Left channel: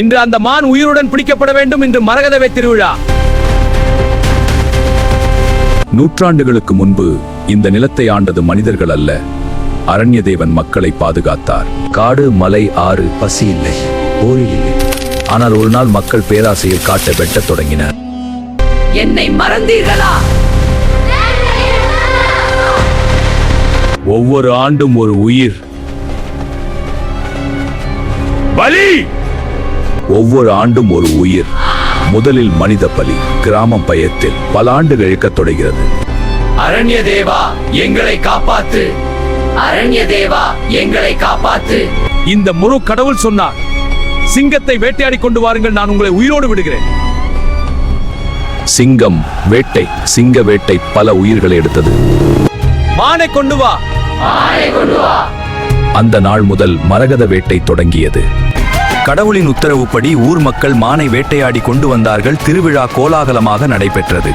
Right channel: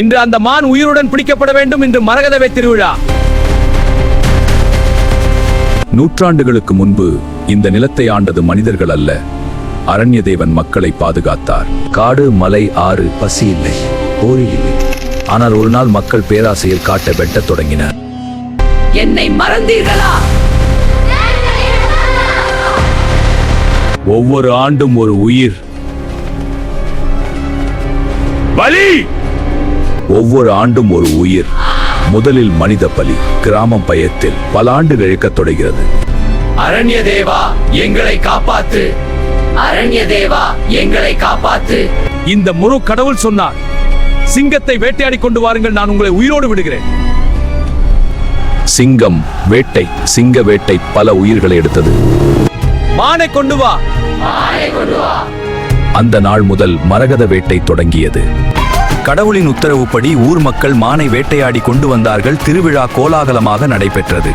இன்று அந்த மான் உயிருடன் பிடிக்கப்பட வேண்டும். இன்று மரகதவே திருவிழா. நூற்றாண்டுகளுக்கு முன்பு இந்த நிலத்தை ஆண்டது மனிதர்கள் அல்ல, அரண்ய தேவன் மக்களை பாதுகாத்தார். காடு, மலை, ஆறு, பசி இல்லை, போரில் இல்லை. ஆனால் ஒரு நாள் மக்கள் பேராசையில் காட்டை வெட்டத் தொடங்கினர். என்னை மறந்தீர்களா? ஒவ்வொரு ஆண்டும் ஒரு உயிர் பலி. ஒவ்வொரு ஆண்டும் ஒரு உயிர். முதலில் மனித பலி. கிராமம் பயத்தில் பல ஆண்டுகள் இழக்கத் தொடங்கிறது. அரண்ய தேவா, எங்களை காப்பாத்து. அரண்ய தேவா, எங்களை காப்பாத்து. இந்த முரு கடவுள் சொன்னார், சிங்கத்தை வேட்டையாடி கொண்டு வாருங்கள், நான் உங்களை உயிரோடு விடுகிறேன். சிங்கம் வேட்டை. சிங்க வேட்டை பல உயிர்களை எடுத்தது. மானை கொண்டு வா. அந்த நாள் முதல் மரகத வேட்டை தொடங்கியது. கடவுளின் உத்தரவுப்படி ஊர் மக்கள் மானை வேட்டையாடி கொண்டு வந்தார்கள். திருவிழா கோலாகலமாக நடைபெற்றது.